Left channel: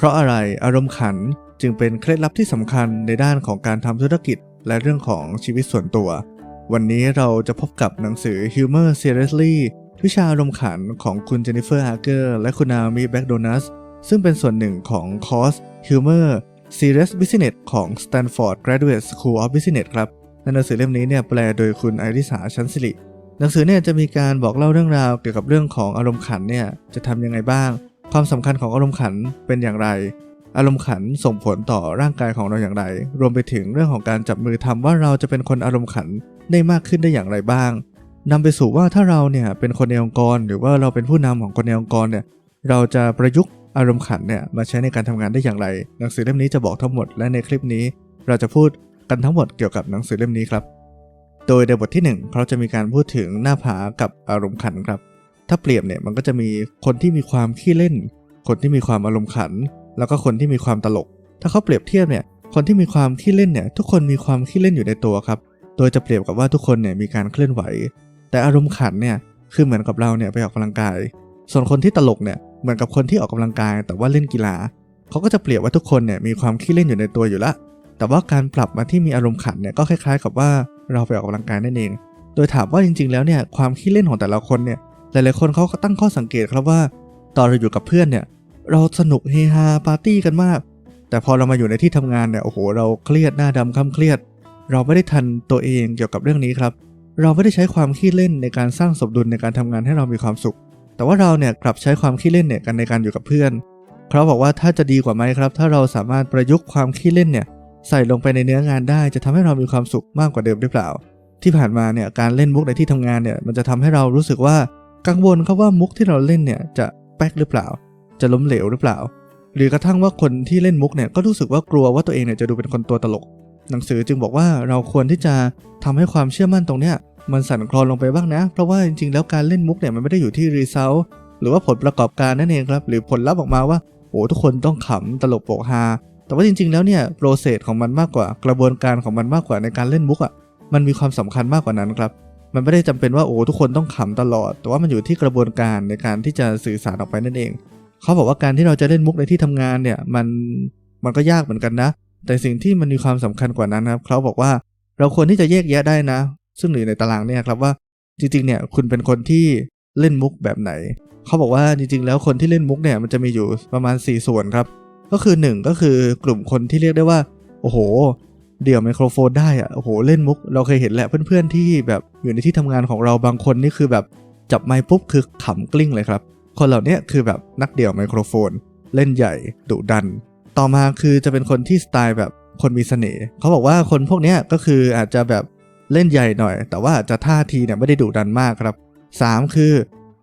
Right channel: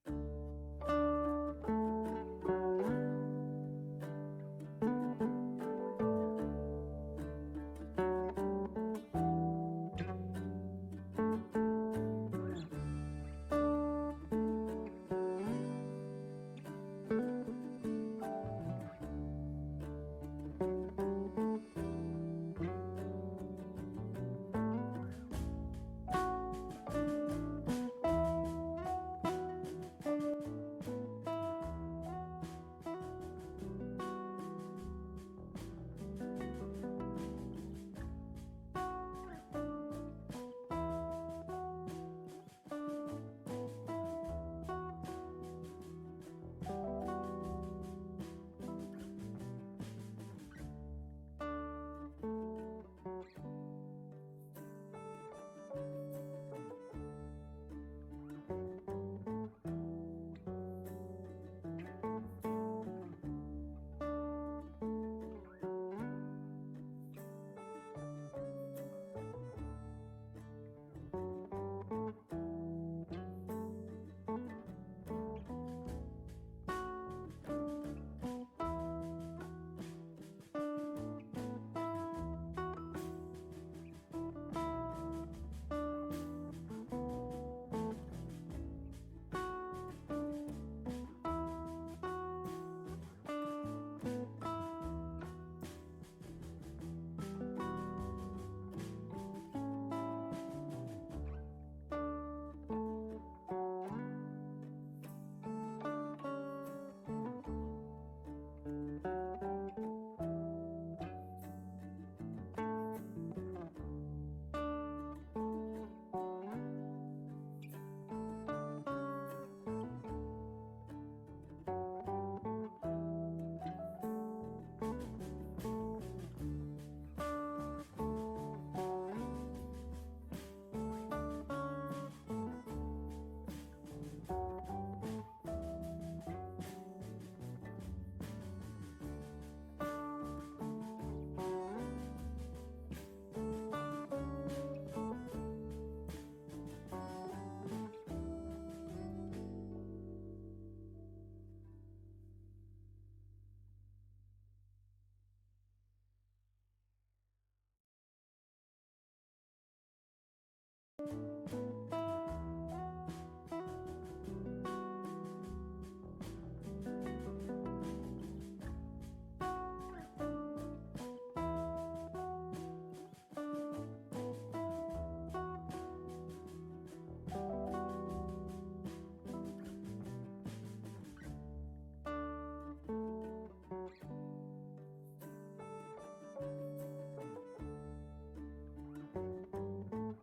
เพราะอะไรอารมณ์ขันจึงเป็นเคล็ดลับที่สำคัญในด้านของการทำธุรกิจ และเรื่องของชีวิตส่วนตัว วันนี้เราจะพบกับหนังสือ Humor Seriously วิชาอารมณ์ขันของคุณเจนนิเฟอร์ฮาร์เกอร์และคุณนามิแบ็กโดนัสซึ่งเป็นส่วนหนึ่งของคอร์ส Humor Serious Business ของ Stanford Graduate School of Business ครับในหนังสือเล่มนี้เนี่ยแปลโดยคุณไอริสาชันสิริหนังสือเนี่ยจะมีการบอกเล่าเรื่องราวเกี่ยวกับเรื่องของอารมณ์ขันเนี่ยจะทำยังไงบ้าง ความสำคัญของอารมณ์ขันเป็นอย่างไร อารมณ์ขันส่งผลต่อร่างกายของเราอย่างไร รวมไปถึงเรื่องของการจับมือทำว่าเราจะเป็นคนอารมณ์ขันได้มากขึ้นได้อย่างไรบ้างนำไปสู่ว่าถ้าเราเนี่ยเป็นคนในองค์กร หรือว่าเราเป็นผู้นำของคนในองค์กรเนี่ยเราจะประยุกต์อารมณ์ขันเนี่ยมาใช้ในการทำงานได้อย่างไร หนังสือเล่มนี้จะบอกทั้งหมดและในคลิปนี้ เราจะพูดกันทั้งหมดเกี่ยวกับหนังสือเล่มนี้ครับ โดยในบทที่ 1 เขาจะมีการพูดถึงหน้าผากับอารมณ์ขันครับ ถ้าเปรียบเนี่ยมันก็จะมีคนที่มีความขี้เล่น คนที่มีความอารมณ์ขัน แล้วก็คนที่มีความตลก ถ้าเขาเปรียบเทียบเนี่ยคนที่มีความขี้เล่นเนี่ยทุกคนมีความขี้เล่นอยู่ในตัวครับ โดยจะเปรียบกับว่าทุกคนเนี่ยมีการเคลื่อนไหว แต่อารมณ์ขันเนี่ยคือเหมือนกับเราเนี่ยไปออกกำลังกาย ส่วนคนที่ตลกเนี่ยเหมือนกับคนที่ออกกำลังกาย แต่ว่าเล่นกีฬาเขาก็จะเปรียบว่าทุกคนเนี่ยมีความขี้เล่นอยู่ในตัวอยู่ละแต่ว่าการปรับมาที่มีอารมณ์ขันเนี่ยก็คล้ายๆ กับว่าเราไปออกกำลังกายนั่นเอง โดยถามว่าจริงๆ แล้วเนี่ยความขี้เล่นของแต่ละคนเนี่ย หลายๆคนเขาก็ตั้งข้อสังเกตครับว่า ตอนเราอยู่กับเพื่อนเนี่ย เราสนุกเฮฮาปาร์ตี้กันมาก แต่พอเรามาอยู่ในที่ทำงานเนี่ยโอ้โห เราเครียดหน้าดำคำเครียด เราไม่ได้ทันตัวเองเกี่ยวกับเรื่องนี้ครับ เราไม่ได้ใช้ความขี้เล่นในการสร้างสมดุลในการทำงานให้เรามีความสุข แต่ว่าเราเนี่ยกลับใช้ความขี้เล่นเนี่ยกันในการอยู่กับเพื่อนเขาบอกว่าถ้าจะดีกว่าไหมครับ ถ้าเราสามารถประยุกต์ความขี้เล่นเนี่ยใส่ลงไปในเนื้องานได้จะทำให้เรามีความสุขมากกว่าเดิมหรือเปล่า ที่ผ่านมาเนี่ยการเล่นมุกในที่ทำงานเนี่ยมันจะทำให้เรารู้สึกว่า กังวลครับว่ามุกที่เราเล่นเนี่ยจะแป๊กหรือเปล่า จะล้มเหลวหรือเปล่า หรือกระทั่งว่าคนที่เล่นมุกเนี่ยก็รู้สึกว่ากลัวว่าตัวเองเนี่ยจะดูเป็นคนตัวตลก หนังสือจึงบอกว่าเราควรที่จะทำให้ความเชื่อมั่นตรงเนี้ยมันสั่นคลอนลงไปบ้างนะ เพราะว่าจริงๆแล้วการเล่นมุกเนี่ยมันไม่ได้อยู่ที่รีเซลหรือว่าผลประกอบการนั่นเองครับ หรือผลลัพธ์ออกมาว่าโอ้ทุกคนต้องขำตลกโปกฮาแต่ว่าจริง ๆ แล้วเนี่ยโปรเซสของมันมากกว่ากระบวนการของมันมากกว่าในการเล่นมุกอะ่ะมันมีความสำคัญมากกว่านั้นครับ มันไม่ได้จำเป็นว่าโอ้ทุกคนต้องขำตลอด แต่ว่ามันอยู่ที่กระบวนการในการที่จะสื่อสารออกไปนั่นเอง เขาบอกว่าการที่เราจะเล่นมุกในที่ทำงานเนี่ยมันมันก็ยากเหมือนกันนะ แต่สิ่งที่มันมีความสำคัญกว่านั้นครับ เขาบอกว่าเราควรที่จะแยกแยะได้นะ ซึ่งอยู่ในตารางเนี่ยครับว่าจริงๆเนี่ยคุณเป็นคนที่เล่นมุกแบบไหน เขาบอกว่าจริงๆ แล้วคนที่เล่นมุกเนี่ยมันจะมีอยู่ประมาณ 4 ส่วนครับ ก็คือ 1 ก็คือกลุ่มคนที่เรียกได้ว่า โอ้โห เดี่ยวไมโครโฟนได้อะโอ้โหเล่นมุก เราเคยเห็นแหละเพื่อนๆที่แบบอยู่ในที่ทำงานของเราบางคนนี่คือแบบจับไมค์ปุ๊บคือขำกลิ้งเลยครับ คนเหล่านี้คือแบบนักเดี่ยวไมโครโฟน เล่นใหญ่ดุดัน ต่อมาคือจะเป็นคนที่สไตล์แบบคนมีเสน่ห์เขาบอกว่าคนพวกนี้ก็คืออาจจะแบบเล่นใหญ่หน่อย แต่ว่าอาจจะท่าทีเนี่ยไม่ได้ดุดันมากครับ 3 คือ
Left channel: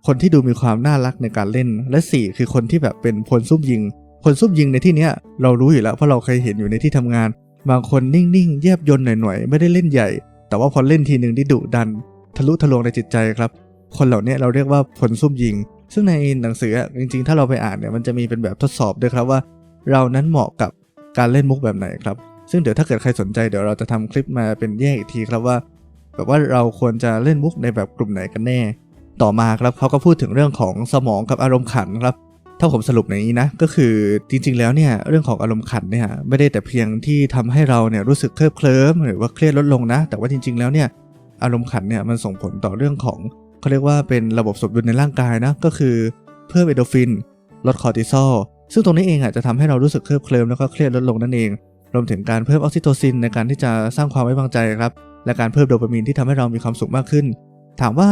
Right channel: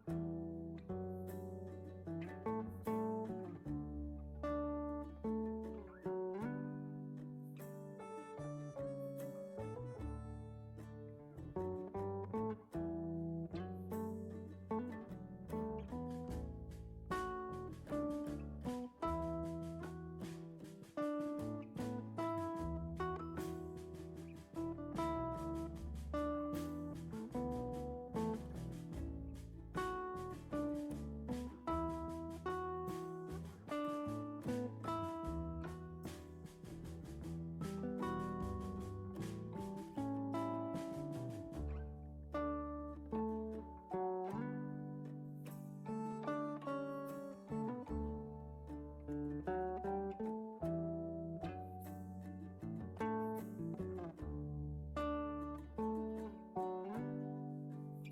คนที่ดูมีความน่ารักในการเล่น และ 4 คือคนที่แบบเป็นพลซุ่มยิง คนซุ่มยิงในที่เนี้ยเรารู้อยู่แล้วเพราะเราเคยเห็นอยู่ในที่ทำงาน บางคนนิ่งๆ แยบยนหน่อยๆ ไม่ได้เล่นใหญ่ แต่ว่าพอเล่นทีหนึ่งที่ดุดัน ทะลุทะลวงในจิตใจครับ คนเหล่านี้เราเรียกว่าผลซุ่มยิง ซึ่งในหนังสือจริงๆ ถ้าเราไปอ่านเนี่ยมันจะมีเป็นแบบทดสอบด้วยครับว่า เรานั้นเหมาะกับการเล่นมุกแบบไหนครับ ซึ่งเดี๋ยวถ้าเกิดใครสนใจเดี๋ยวเราจะทำคลิปมาเป็นแยกอีกทีครับว่าแบบว่าเราควรจะเล่นมุกในแบบกลุ่มไหนกันแน่ ต่อมาครับเขาก็พูดถึงเรื่องของสมองกับอารมณ์ขันครับ ถ้าผมสรุปในนี้นะก็คือจริงๆแล้วเนี่ยเรื่องของอารมณ์ขันเนี่ยไม่ได้แต่เพียงที่ทำให้เราเนี่ยรู้สึกเคลิบเคลิ้มหรือว่าเครียดลดลงนะ แต่ว่าจริง ๆแล้วเนี่ยอารมณ์ขันเนี่ยมันส่งผลต่อเรื่องของเขาเรียกว่าเป็นระบบสมดุลในร่างกายนะก็คือเพิ่มเอโดฟิน ลดคอร์ติซอลซึ่งตรงนี้เองอะจะทำให้เรารู้สึกเคลิบเคลิ้มแล้วก็เครียดลดลงนั่นเอง รวมถึงการเพิ่มออกซิโทซินในการที่จะสร้างความไว้วางใจครับและการเพิ่มโดปามีนที่ทำให้เรามีความสุขมากขึ้น ถามว่า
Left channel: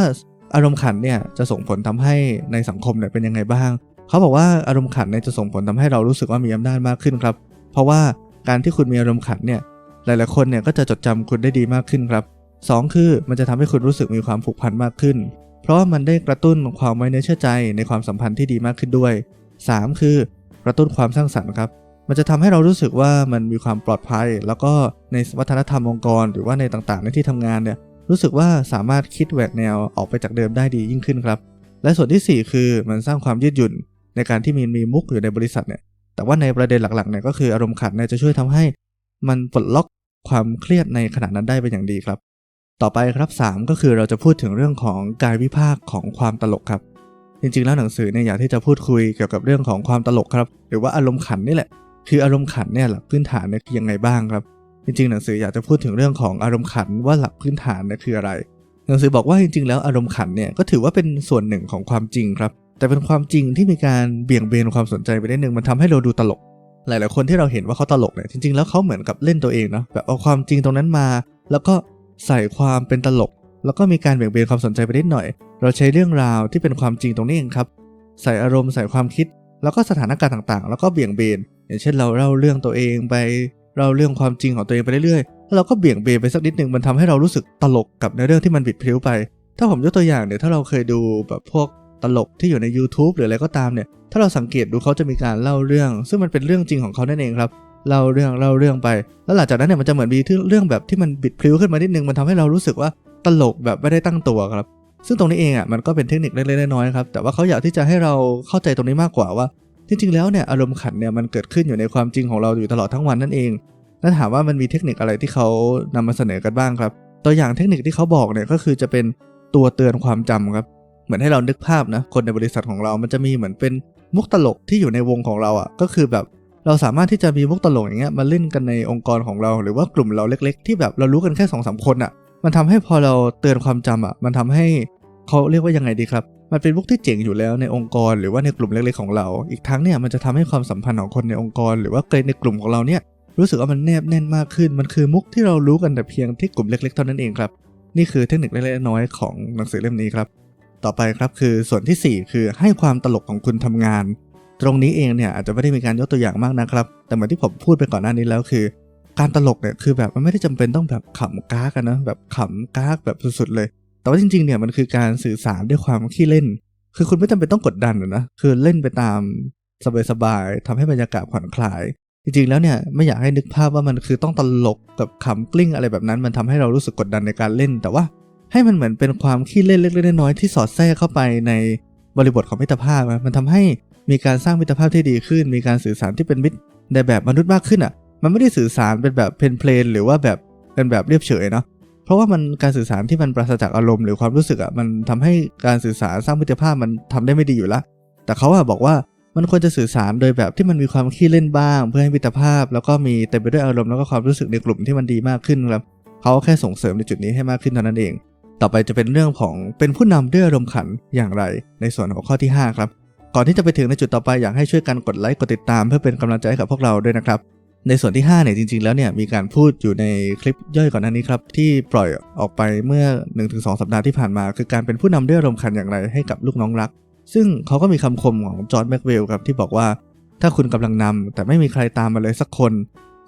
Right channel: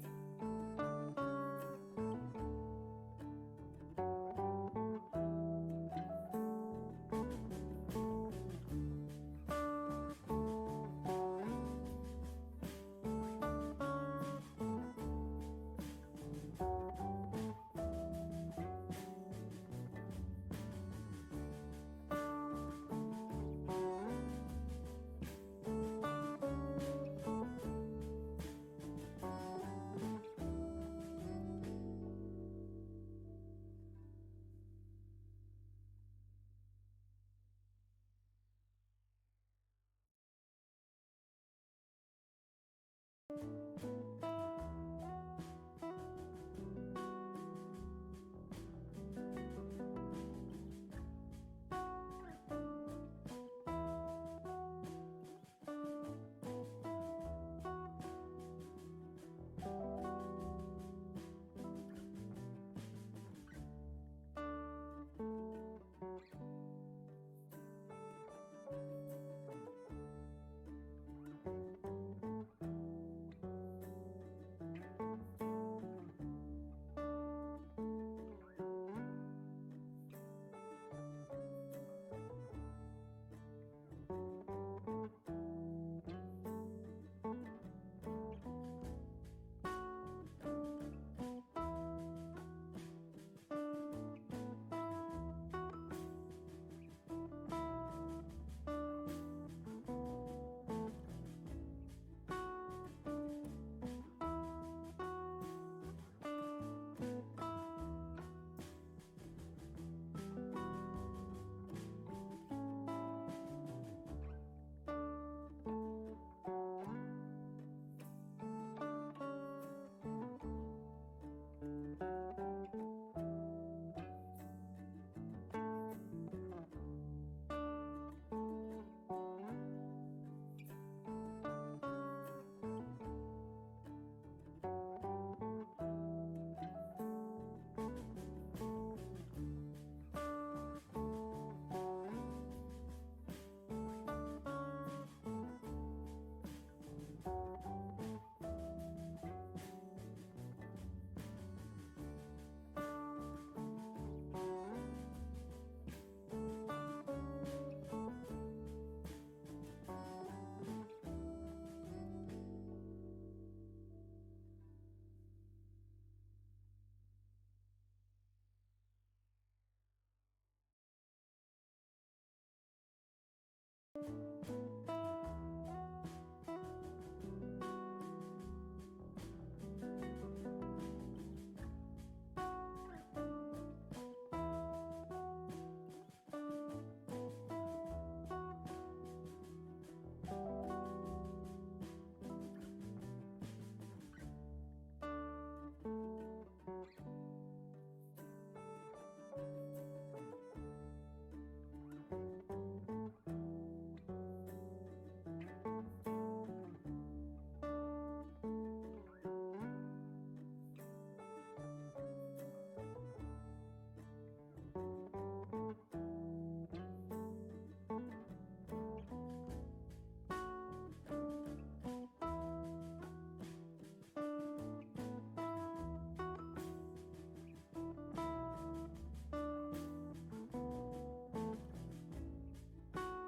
อารมณ์ขันเนี่ยจะส่งผลทำให้ในสังคมเนี่ยเป็นยังไงบ้าง เขาบอกว่าอารมณ์ขันเนี่ยจะส่งผลทำให้เรารู้สึกว่ามีอำนาจมากขึ้นครับ เพราะว่าการที่คุณมีอารมณ์ขันเนี่ยหลาย ๆ คนเนี่ยก็จะจดจำคุณได้ดีมากขึ้นครับสองคือมันจะทำให้คุณรู้สึกมีความผูกพันมากขึ้น เพราะว่ามันได้กระตุ้นความไว้เนื้อเชื่อใจในความสัมพันธ์ที่ดีมากขึ้นด้วย 3 คือกระตุ้นความสร้างสรรค์ครับ มันจะทำให้เรารู้สึกว่ามันมีความปลอดภัย แล้วก็ในวัฒนธรรมองค์กร หรือว่าในต่าง ๆ ในที่ทำงานเนี่ยรู้สึกว่าสามารถคิดแหวกแนวออกไปจากเดิมได้ดียิ่งขึ้นครับ และส่วนที่ 4 คือมันสร้างความยืดหยุ่น ในการที่มีมีมุกอยู่ในบริษัทเนี่ยแต่ว่าในประเด็นหลักๆเนี่ยก็คืออารมณ์ขันเนี่ยจะช่วยทำให้มันปลดล็อกความเครียดในขณะนั้นได้เป็นอย่างดีครับ ต่อไปครับ 3 ก็คือเราจะพูดถึงเรื่องของกายวิภาคของความตลกครับ จริงๆแล้วหนังสือเนี่ยอยากที่จะพูดคุยเกี่ยวกับเรื่องของความตลกครับ หรือว่าอารมณ์ขันนี่แหละ คืออารมณ์ขันเนี่ยหลักพื้นฐานเนี่ยคือยังไงบ้างครับ จริงๆ หนังสืออยากจะพูดถึงเรื่องของอารมณ์ขันว่าหลักพื้นฐานเนี่ยคืออะไร หนังสือบอกว่าจริงๆ แล้วอารมณ์ขันเนี่ยก็ถือว่าเป็นส่วนหนึ่งของความจริงครับ แต่เป็นความจริงที่มีการเบี่ยงเบนความสนใจไปได้หนึ่งมันทำให้เราดูตลก หลาย ๆ คนที่เราเห็นว่าเขาตลกเนี่ยจริง ๆ แล้วเขาเหมือนกับเล่นตัวเองเนาะแบบเอาความจริงตรงนั้นมา แล้วก็ใส่ความเป็นตลก แล้วก็มีการเบี่ยงเบนความสนใจไปนิดหน่อย เราใช้เรื่องราวที่เป็นความจริงตรงนี้เองครับ ใส่อารมณ์ใส่ความคิด แล้วก็สถานการณ์ต่างๆ แล้วก็เบี่ยงเบน อย่างเช่นเราเล่าเรื่องตัวเองไปเล่าเรื่องความจริงของตัวเองไปเรื่อยๆแล้วเราก็เบี่ยงเบนไปสักนิดหนึ่งมันทำให้เรารู้สึกตลกกับในเรื่องที่มันบิดพลิ้วไป ถ้าผมยกตัวอย่างเนี่ยถ้าเราเคยดูแบบพวก ตลกที่อยู่ใน YouTube หรืออะไรก็ตามเนี่ยถ้าเราสังเกตดูเขาจะมีการเล่าเรื่อง ซึ่งมันเป็นเรื่องจริงของเขานั่นเองครับเล่าเรื่องเล่าเรื่องไป แล้วหลังจากนั้นเนี่ยมันจะเหมือนมีเรื่องแบบที่มันบิดพลิ้วขึ้นมานิดนึงมันทำให้เรารู้สึกว่าตลกแบบไม่ได้ตั้งตัวครับ ซึ่งตรงนี้เองอะมันก็เป็นเทคนิคเล็กๆน้อยๆครับแต่ว่าเขาอยากที่จะให้เราเข้าใจตรงนี้มากกว่าว่า จริงๆแล้วเนี่ยอารมณ์ขันเนี่ยมันเกิดขึ้นอยู่ในความจริงของเราอยู่ตลอดทั้งวันนั่นเองแล้วถามว่ามันมีเทคนิคอะไรที่เขานำมาเสนอกันบ้างครับ ตัวอย่างเทคนิคที่เขาบอกเนี่ยก็คือจะเป็นตัวเตือนความจำครับ เหมือนให้เรานึกภาพนะคนในบริษัทของเรา มันจะมีเหมือนเป็นมุกตลกที่อยู่ในวงของเราอะก็คือแบบเราสามารถที่จะมีมุกตลกอย่างเงี้ยมาเล่นกันในองค์กรของเรา หรือว่ากลุ่มเราเล็ก ๆ ที่แบบเรารู้กันแค่สองสามคนอะ มันทำให้พอเราเตือนความจำอะ มันทำให้เขาเรียกว่ายังไงดีครับมันเป็นมุกที่เจ๋งอยู่แล้วในองค์กร หรือว่าในกลุ่มเล็กๆของเรา อีกทั้งเนี่ยมันจะทำให้ความสัมพันธ์ของคนในองค์กร หรือว่าเกในกลุ่มของเราเนี่ยรู้สึกว่ามันแนบแน่นมากขึ้น มันคือมุกที่เรารู้กันแต่เพียงที่กลุ่มเล็กๆเท่านั้นเองครับ นี่คือเทคนิคเล็กๆน้อยๆของหนังสือเล่มนี้ครับ ต่อไปครับคือส่วนทีสี่ 4 คือให้ความตลกของคุณทำงาน ตรงนี้เองเนี่ยอาจจะไม่ได้มีการยกตัวอย่างมากนะครับ แต่เหมือนที่ผมพูดไปก่อนหน้านี้แล้วคือ การตลกเนี่ยคือแบบมันไม่ได้จำเป็นต้องแบบขำก้ากันนะแบบขำก้ากแบบสุดๆเลย แต่ว่าจริงๆเนี่ยมันคือการสื่อสารด้วยความขี้เล่น คือคุณไม่จำเป็นต้องกดดันนะคือเล่นไปตามสบายๆทำให้บรรยากาศผ่อนคลายจริงๆ แล้วเนี่ยไม่อยากให้นึกภาพว่ามันคือต้องตลกกับขำกลิ้งอะไรแบบนั้น มันทำให้เรารู้สึกกดดันในการเล่น แต่ว่า ให้มันเหมือนเป็นความขี้เล่นเล็กๆน้อยๆที่สอดแทรกเข้าไปในบริบทของมิตรภาพมันทำให้มีการสร้างมิตรภาพที่ดีขึ้น มีการสื่อสารที่เป็นมิตรในแบบมนุษย์มากขึ้นอะ มันไม่ได้สื่อสารเป็นแบบเพลนเพลนหรือว่าแบบเป็นแบบเรียบเฉยเนาะเพราะว่ามันการสื่อสารที่มันปราศจากอารมณ์หรือความรู้สึกอะมันทำให้การสื่อสารสร้างมิตรภาพมันทำได้ไม่ดีอยู่ละแต่เขาอะบอกว่ามันควรจะสื่อสารโดยแบบที่มันมีความขี้เล่นบ้าง เพื่อให้มิตรภาพ แล้วก็มีเต็มไปด้วยอารมณ์แล้วก็ความรู้สึกในกลุ่มที่มันดีมากขึ้นครับเขาแค่ส่งเสริมในจุดนี้ให้มากขึ้นเท่านั้นเอง ต่อไปจะเป็นเรื่องของเป็นผู้นำด้วยอารมณ์ขันอย่างไร ในส่วนของข้อที่ 5 ครับ ก่อนที่จะไปถึงในจุดต่อไปอยากให้ช่วยกันกดไลค์กดติดตามเพื่อเป็นกำลังใจให้กับพวกเราด้วยนะครับ ในส่วนที่5เนี่ยจริงๆแล้วเนี่ยมีการพูดอยู่ในคลิปย่อยก่อนหน้านี้ครับที่ปล่อยออกไปเมื่อ 1-2 สัปดาห์ที่ผ่านมา คือการเป็นผู้นำด้วยอารมณ์ขันอย่างไรให้กับลูกน้องรัก ซึ่งเขาก็มีคำคมของจอร์ดแม็กเวลครับที่บอกว่า ถ้าคุณกำลังนำแต่ไม่มีใครตามมาเลยสักคน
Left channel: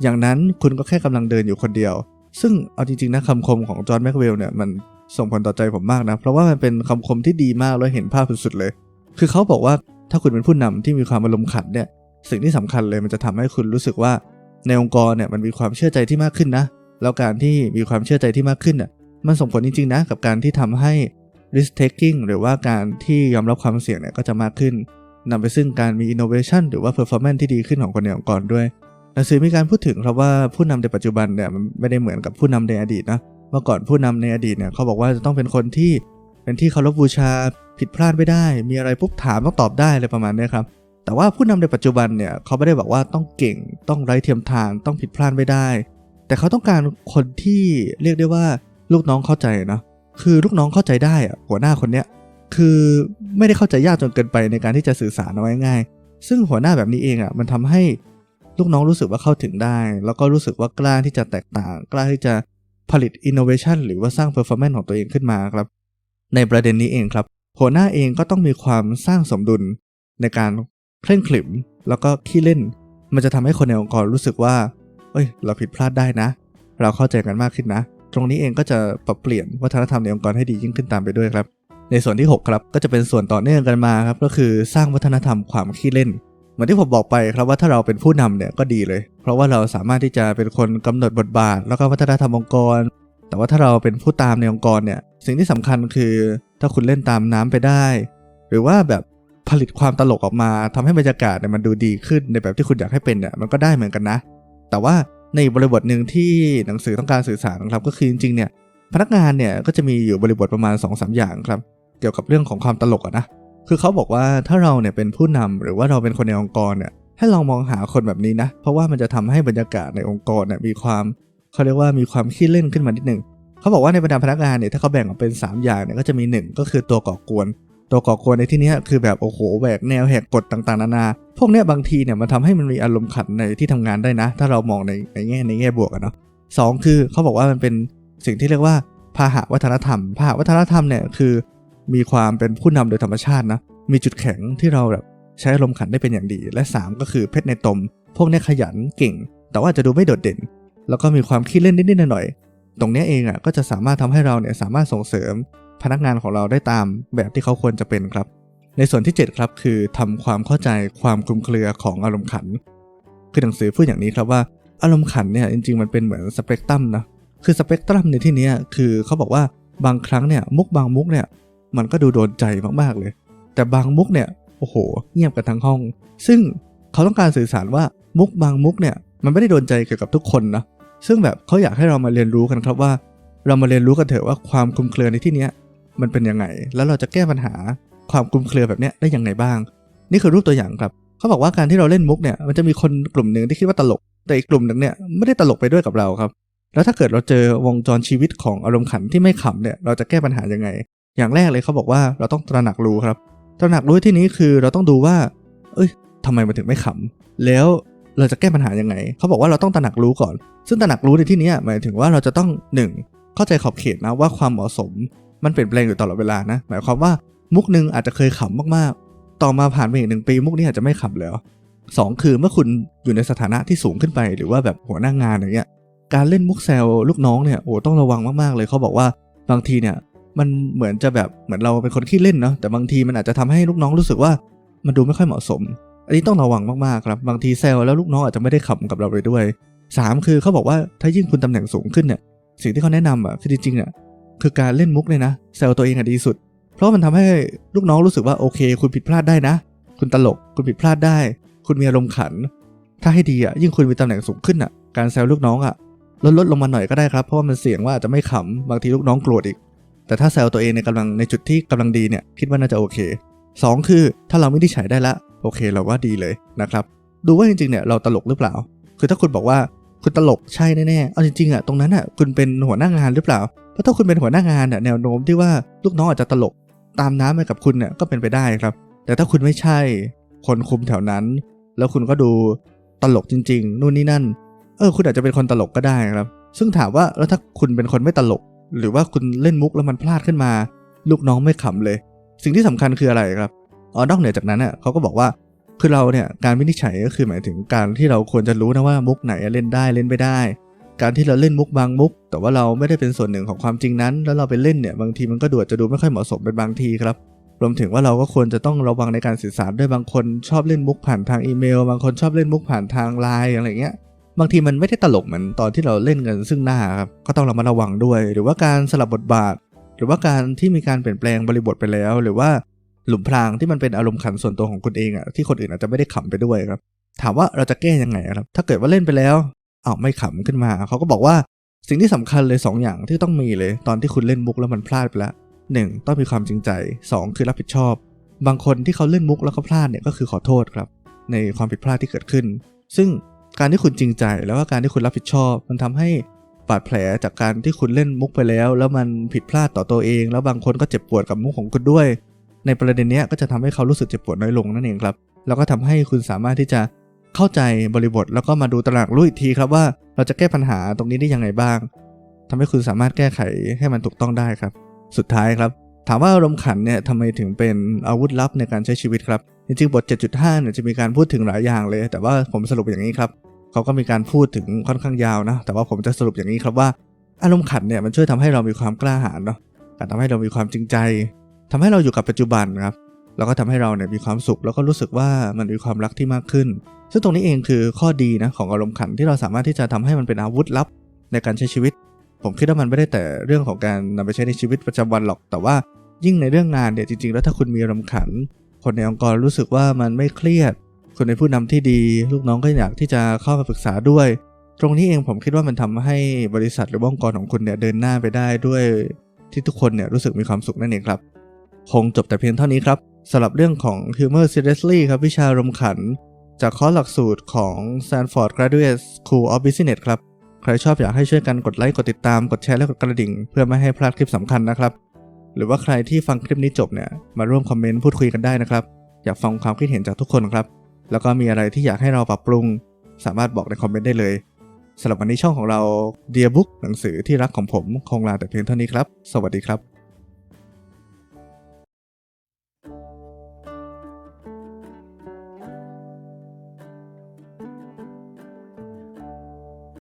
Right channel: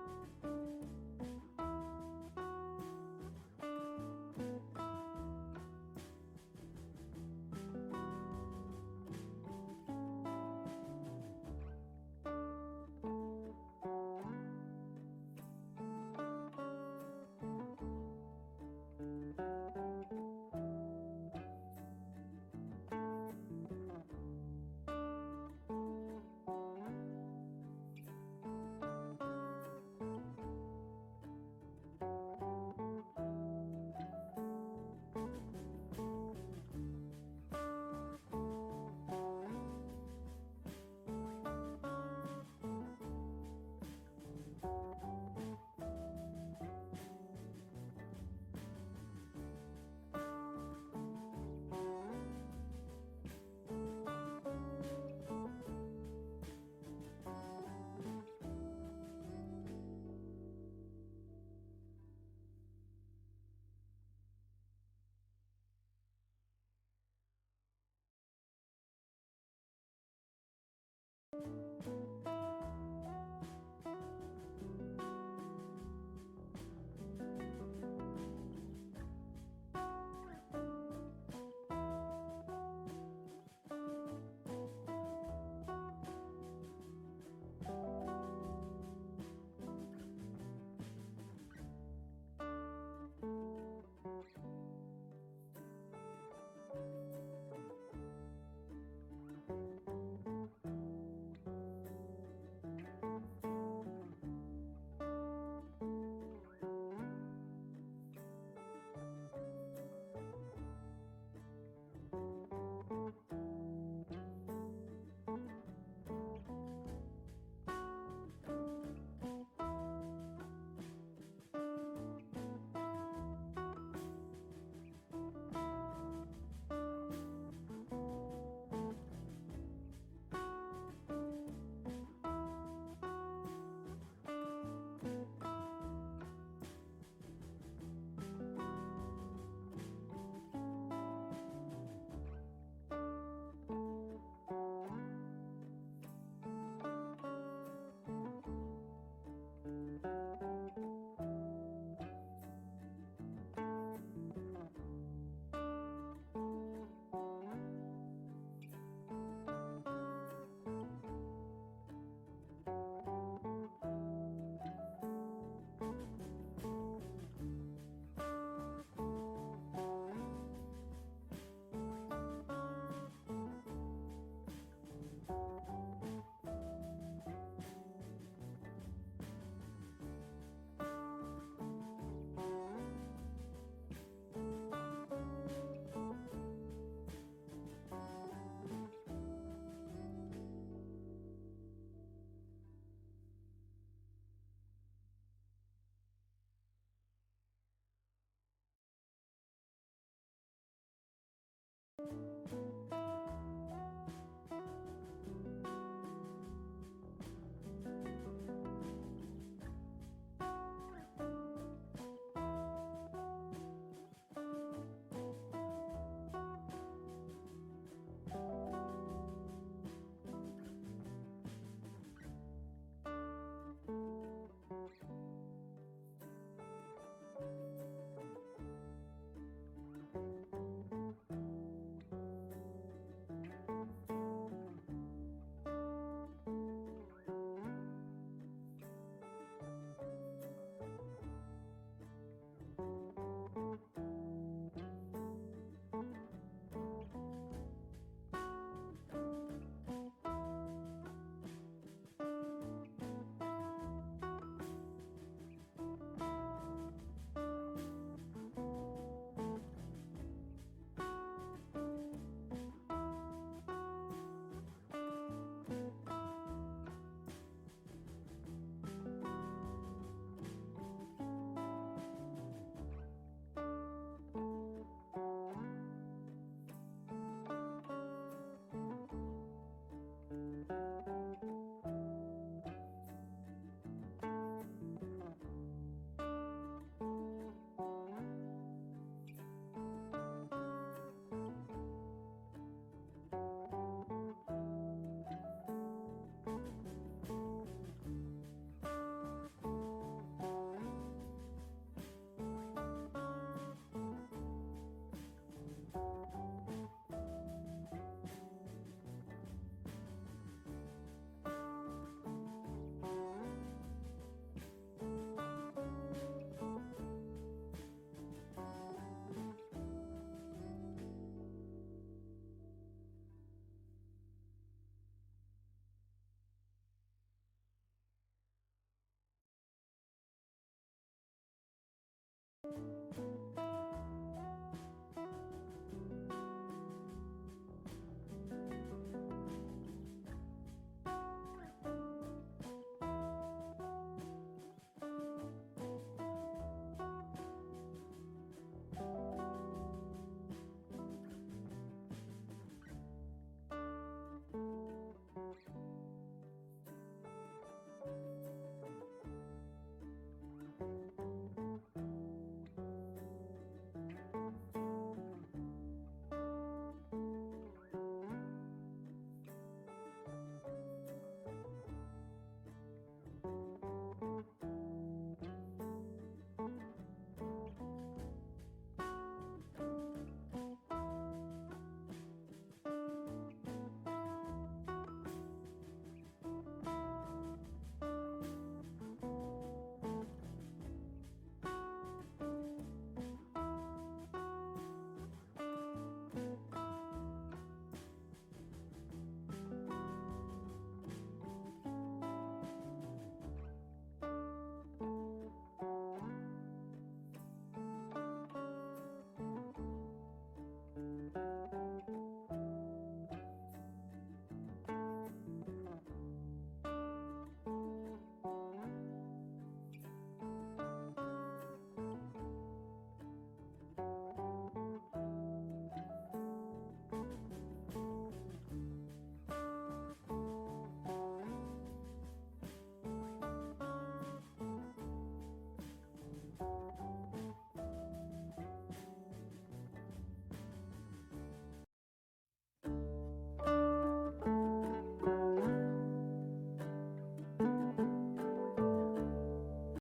อย่างนั้นคุณก็แค่กำลังเดินอยู่คนเดียวซึ่งเอาจริงๆนะคำคมของจอร์ดแม็กเวลเนี่ยมัน ส่งผลต่อใจผมมากนะ เพราะว่ามันเป็นคำคมที่ดีมากแล้วเห็นภาพสุดๆเลย คือเขาบอกว่าถ้าคุณเป็นผู้นำที่มีความอารมณ์ขันเนี่ยสิ่งที่สำคัญเลยมันจะทำให้คุณรู้สึกว่าในองค์กรเนี่ยมันมีความเชื่อใจที่มากขึ้นนะ แล้วการที่มีความเชื่อใจที่มากขึ้นน่ะมันส่งผลจริงๆนะกับการที่ทำให้ risk taking หรือว่าการที่ยอมรับความเสี่ยงเนี่ยก็จะมากขึ้นนำไปซึ่งการมี innovation หรือว่า performance ที่ดีขึ้นของคนในองค์กรด้วยหนังสือมีการพูดถึงครับว่าผู้นำในปัจจุบันเนี่ยมันไม่ได้เหมือนกับผู้นำในอดีตนะเมื่อก่อนผู้นำในอดีตเนี่ยเขาบอกว่าจะต้องเป็นคนที่เป็นที่เคารพบูชาผิดพลาดไม่ได้ มีอะไรปุ๊บถามต้องตอบได้อะไรประมาณนี้ครับแต่ว่าผู้นำในปัจจุบันเนี่ยเขาไม่ได้บอกว่าต้องเก่งต้องไร้เทียมทานต้องผิดพลาดไม่ได้ แต่เขาต้องการคนที่เรียกได้ว่าลูกน้องเข้าใจนะคือลูกน้องเข้าใจได้อะหัวหน้าคนเนี้ยคือไม่ได้เข้าใจยากจนเกินไปในการที่จะสื่อสารเอาไว้ง่าย ซึ่งหัวหน้าแบบนี้เองอะมันทำให้ลูกน้องรู้สึกว่าเข้าถึงได้ แล้วก็รู้สึกว่ากล้าที่จะแตกต่าง กล้าที่จะ ผลิต innovation หรือว่าสร้าง performance ของตัวเองขึ้นมาครับ ในประเด็นนี้เองครับหัวหน้าเองก็ต้องมีความสร้างสมดุลในการเคร่งขรึมแล้วก็ขี้เล่น มันจะทำให้คนในองค์กรรู้สึกว่า เอ้ย เราผิดพลาดได้นะ เราเข้าใจกันมากขึ้นนะ ตรงนี้เองก็จะปรับเปลี่ยนวัฒนธรรมในองค์กรให้ดียิ่งขึ้นตามไปด้วยครับ ในส่วนที่ 6 ครับ ก็จะเป็นส่วนต่อเนื่องกันมาครับ ก็คือสร้างวัฒนธรรมความขี้เล่น เหมือนที่ผมบอกไปครับว่าถ้าเราเป็นผู้นำเนี่ยก็ดีเลย เพราะว่าเราสามารถที่จะเป็นคนกำหนดบทบาท แล้วก็วัฒนธรรมองค์กร แต่ว่าถ้าเราเป็นผู้ตามในองค์กรเนี่ยสิ่งที่สำคัญคือถ้าคุณเล่นตามน้ำไปได้ หรือว่าแบบผลิตความตลกออกมาทำให้บรรยากาศเนี่ยมันดูดีขึ้นในแบบที่คุณอยากให้เป็นเนี่ยมันก็ได้เหมือนกันนะ แต่ว่าในบริบทหนึ่งที่หนังสือต้องการสื่อสารนะครับก็คือจริงๆเนี่ยพนักงานเนี่ยก็จะมีอยู่บริบทประมาณ2อสอย่างครับ เกี่ยวกับเรื่องของความตลกอะนะ คือเขาบอกว่าถ้าเราเนี่ยเป็นผู้นำหรือว่าเราเป็นคนในองค์กรเนี่ยให้ลองมองหาคนแบบนี้นะ เพราะว่ามันจะทำให้บรรยากาศในองค์กรเนี่ยมีความเขาเรียกว่ามีความขี้เล่นขึ้นมานิดหนึ่งเขาบอกว่าในบรรดาพนักงานเนี่ยถ้าเขาแบ่งออกเป็น 3 อย่างเนี่ยก็จะมี 1 ก็คือตัวก่อกวน ตัวก่อกวนในที่นี้คือแบบโอ้โหแหวกแนวแหกกฎต่างๆนานา พวกเนี้ยบางทีเนี่ยมันทำให้มันมีอารมณ์ขันในที่ทำงานได้นะ ถ้าเรามองในในแง่ในแง่บวกอะเนาะสองคือเขาบอกว่ามันเป็นสิ่งที่เรียกว่าพาหะวัฒนธรรมพาหะวัฒนธรรมเนี่ยคือ มีความเป็นผู้นำโดยธรรมชาตินะ มีจุดแข็งที่เราแบบใช้อารมณ์ขันได้เป็นอย่างดี และ 3 ก็คือเพชรในตม พวกนี้ขยันเก่ง แต่ว่าจะดูไม่โดดเด่น แล้วก็มีความขี้เล่นนิดๆหน่อยๆตรงนี้เองอะก็จะสามารถทำให้เราเนี่ยสามารถส่งเสริม พนักงานของเราได้ตามแบบที่เขาควรจะเป็นครับ ในส่วนที่ 7 ครับคือทำความเข้าใจความคลุมเครือของอารมณ์ขัน คือหนังสือพูดอย่างนี้ครับว่าอารมณ์ขันเนี่ยจริงๆมันเป็นเหมือนสเปกตรัมนะคือสเปกตรัมในที่นี้คือเขาบอกว่าบางครั้งเนี่ยมุกบางมุกเนี่ย มันก็ดูโดนใจมากๆเลย แต่บางมุกเนี่ยโอ้โห เงียบกันทั้งห้อง ซึ่งเขาต้องการสื่อสารว่ามุกบางมุกเนี่ยมันไม่ได้โดนใจเกี่ยวกับทุกคนนะซึ่งแบบเขาอยากให้เรามาเรียนรู้กันครับว่า เรามาเรียนรู้กันเถอะว่าความคลุมเครือในที่นี้มันเป็นยังไง แล้วเราจะแก้ปัญหาความคลุมเครือแบบเนี้ยได้ยังไงบ้าง นี่คือรูปตัวอย่างครับเขาบอกว่าการที่เราเล่นมุกเนี่ยมันจะมีคนกลุ่มหนึ่งที่คิดว่าตลก แต่อีกกลุ่มหนึ่งเนี่ยไม่ได้ตลกไปด้วยกับเราครับ แล้วถ้าเกิดเราเจอวงจรชีวิตของอารมณ์ขันที่ไม่ขำเนี่ยเราจะแก้ปัญหายังไง อย่างแรกเลยเขาบอกว่าเราต้องตระหนักรู้ครับ ตระหนักรู้ที่นี้คือเราต้องดูว่า เอ้ยทำไมมันถึงไม่ขำแล้วเราจะแก้ปัญหายังไง เขาบอกว่าเราต้องตระหนักรู้ก่อน ซึ่งตระหนักรู้ในที่นี้หมายถึงว่าเราจะต้องหนึ่งเข้าใจขอบเขตนะว่าความเหมาะสม มันเปลี่ยนแปลงอยู่ตลอดเวลานะ หมายความว่ามุกหนึ่งอาจจะเคยขำมากๆ ต่อมาผ่านไปอีกหนึ่งปีมุกนี้อาจจะไม่ขำแล้วสองคือเมื่อคุณอยู่ในสถานะที่สูงขึ้นไป หรือว่าแบบหัวหน้างานอย่างเงี้ย การเล่นมุกแซวลูกน้องเนี่ย โอ้ต้องระวังมากๆเลย เขาบอกว่าบางทีเนี่ย มันเหมือนจะแบบเหมือนเราเป็นคนขี้เล่นเนาะแต่บางทีมันอาจจะทำให้ลูกน้องรู้สึกว่ามันดูไม่ค่อยเหมาะสม อันนี้ต้องระวังมากๆครับ บางทีแซวแล้วลูกน้องอาจจะไม่ได้ขำกับเราไปด้วยสามคือเขาบอกว่าถ้ายิ่งคุณตำแหน่งสูงขึ้นเนี่ยสิ่งที่เขาแนะนำอะคือจริงๆอะคือการเล่นมุกเลยนะแซวตัวเองอะดีสุด เพราะมันทำให้ลูกน้องรู้สึกว่าโอเค คุณผิดพลาดได้นะ คุณตลกคุณผิดพลาดได้ คุณมีอารมณ์ขัน ถ้าให้ดีอะยิ่งคุณมีตำแหน่งสูงขึ้นอะการแซวลูกน้องอะลดลดลงมาหน่อยก็ได้ครับเพราะว่ามันเสี่ยงว่าอาจจะไม่ขำบางทีลูกน้องโกรธอีก แต่ถ้าแซวตัวเองในกำลังในจุดที่กำลังดีเนี่ยคิดว่าน่าจะโอเค 2 คือถ้าเราไม่ได้ใช้ได้ละโอเคเราว่าดีเลยนะครับ ดูว่าจริงๆเนี่ยเราตลกหรือเปล่า คือถ้าคุณบอกว่าคุณตลกใช่แน่ๆเอาจริงๆอะตรงนั้นอะคุณเป็นหัวหน้างานหรือเปล่าเพราะถ้าคุณเป็นหัวหน้างานอะแนวโน้มที่ว่าลูกน้องอาจจะตลกตามน้ำไปกับคุณเนี่ยก็เป็นไปได้ครับ แต่ถ้าคุณไม่ใช่ คนคุมแถวนั้น แล้วคุณก็ดูตลกจริง ๆ นู่นนี่นั่น เออ คุณอาจจะเป็นคนตลกก็ได้ครับ ซึ่งถามว่าแล้วถ้าคุณเป็นคนไม่ตลก หรือว่าคุณเล่นมุกแล้วมันพลาดขึ้นมา ลูกน้องไม่ขำเลย สิ่งที่สำคัญคืออะไรครับอ๋อนอกเหนือจากนั้นอะเขาก็บอกว่าคือเราเนี่ยการวินิจฉัยก็คือหมายถึงการที่เราควรจะรู้นะว่ามุกไหนเล่นได้เล่นไม่ได้ การที่เราเล่นมุกบางมุก แต่ว่าเราไม่ได้เป็นส่วนหนึ่งของความจริงนั้น แล้วเราไปเล่นเนี่ยบางทีมันก็ดูอาจจะดูไม่ค่อยเหมาะสมเป็นบางทีครับรวมถึงว่าเราก็ควรจะต้องระวังในการสื่อสารด้วยบางคนชอบเล่นมุกผ่านทางอีเมล บางคนชอบเล่นมุกผ่านทางไลน์อะไรเงี้ย บางทีมันไม่ได้ตลกเหมือนตอนที่เราเล่นกันซึ่งหน้าครับก็ต้องระมัดระวังด้วย หรือว่าการสลับบทบาท หรือว่าการที่มีการเปลี่ยนแปลงบริบทไปแล้ว หรือว่าหลุมพรางที่มันเป็นอารมณ์ขันส่วนตัวของคุณเองอะที่คนอื่นอาจจะไม่ได้ขำไปด้วยครับ ถามว่าเราจะแก้ยังไงครับถ้าเกิดว่าเล่นไปแล้วเอาไม่ขำขึ้นมาเขาก็บอกว่าสิ่งที่สำคัญเลย2อย่างที่ต้องมีเลย ตอนที่คุณเล่นมุกแล้วมันพลาดไปแล้วหนึ่งต้องมีความจริงใจ 2 คือรับผิดชอบ บางคนที่เขาเล่นมุกแล้วเขาพลาดเนี่ยก็คือขอโทษครับ ในความผิดพลาดที่เกิดขึ้น ซึ่ง การที่คุณจริงใจแล้วก็การที่คุณรับผิดชอบ มันทำให้บาดแผลจากการที่คุณเล่นมุกไปแล้ว แล้วมันผิดพลาดต่อตัวเอง แล้วบางคนก็เจ็บปวดกับมุกของคุณด้วย ในประเด็นเนี้ยก็จะทำให้เขารู้สึกเจ็บปวดน้อยลงนั่นเองครับแล้วก็ทำให้คุณสามารถที่จะเข้าใจบริบท แล้วก็มาดูตระหนักรู้อีกทีครับว่าเราจะแก้ปัญหาตรงนี้ได้ยังไงบ้างทำให้คุณสามารถแก้ไขให้มันถูกต้องได้ครับ สุดท้ายครับ ถามว่าอารมณ์ขันเนี่ยทำไมถึงเป็นอาวุธลับในการใช้ชีวิตครับ จริงๆบท 7.5เนี่ยจะมีการพูดถึงหลายอย่างเลย แต่ว่าผมสรุปอย่างนี้ครับเขาก็มีการพูดถึงค่อนข้างยาวนะ แต่ว่าผมจะสรุปอย่างนี้ครับว่า อารมณ์ขันเนี่ยมันช่วยทำให้เรามีความกล้าหาญเนาะการทำให้เรามีความจริงใจทำให้เราอยู่กับปัจจุบันครับแล้วก็ทำให้เราเนี่ยมีความสุข แล้วก็รู้สึกว่ามันมีความรักที่มากขึ้น ซึ่งตรงนี้เองคือข้อดีนะของอารมณ์ขันที่เราสามารถที่จะทำให้มันเป็นอาวุธลับในการใช้ชีวิต ผมคิดว่ามันไม่ได้แต่เรื่องของการนำไปใช้ในชีวิตประจำวันหรอก แต่ว่ายิ่งในเรื่องงานเนี่ยจริงๆ แล้วถ้าคุณมีอารมณ์ขัน คนในองค์กรรู้สึกว่ามันไม่เครียด คนเป็นผู้นำที่ดี ลูกน้องก็อยากที่จะเข้ามาปรึกษาด้วย ตรงนี้เองผมคิดว่ามันทำให้บริษัทหรือองค์กรของคุณเนี่ยเดินหน้าไปได้ด้วยที่ทุกคนเนี่ยรู้สึกมีความสุขนั่นเองครับ คงจบแต่เพียงเท่านี้ครับสำหรับเรื่องของ Humor Seriously ครับวิชารมขัน จากคอร์สหลักสูตรของ Stanford Graduate School of Business ครับ ใครชอบอยากให้ช่วยกันกดไลค์ กดติดตาม กดแชร์และกดกระดิ่ง เพื่อไม่ให้พลาดคลิปสำคัญนะครับ หรือว่าใครที่ฟังคลิปนี้จบเนี่ยมาร่วมคอมเมนต์พูดคุยกันได้นะครับ อยากฟังความคิดเห็นจากทุกคนครับ แล้วก็มีอะไรที่อยากให้เราปรับปรุง สามารถบอกในคอมเมนต์ได้เลยสำหรับวันนี้ช่องของเรา Dear Book หนังสือที่รักของผมคงลาแต่เพียงเท่านี้ครับ สวัสดีครับ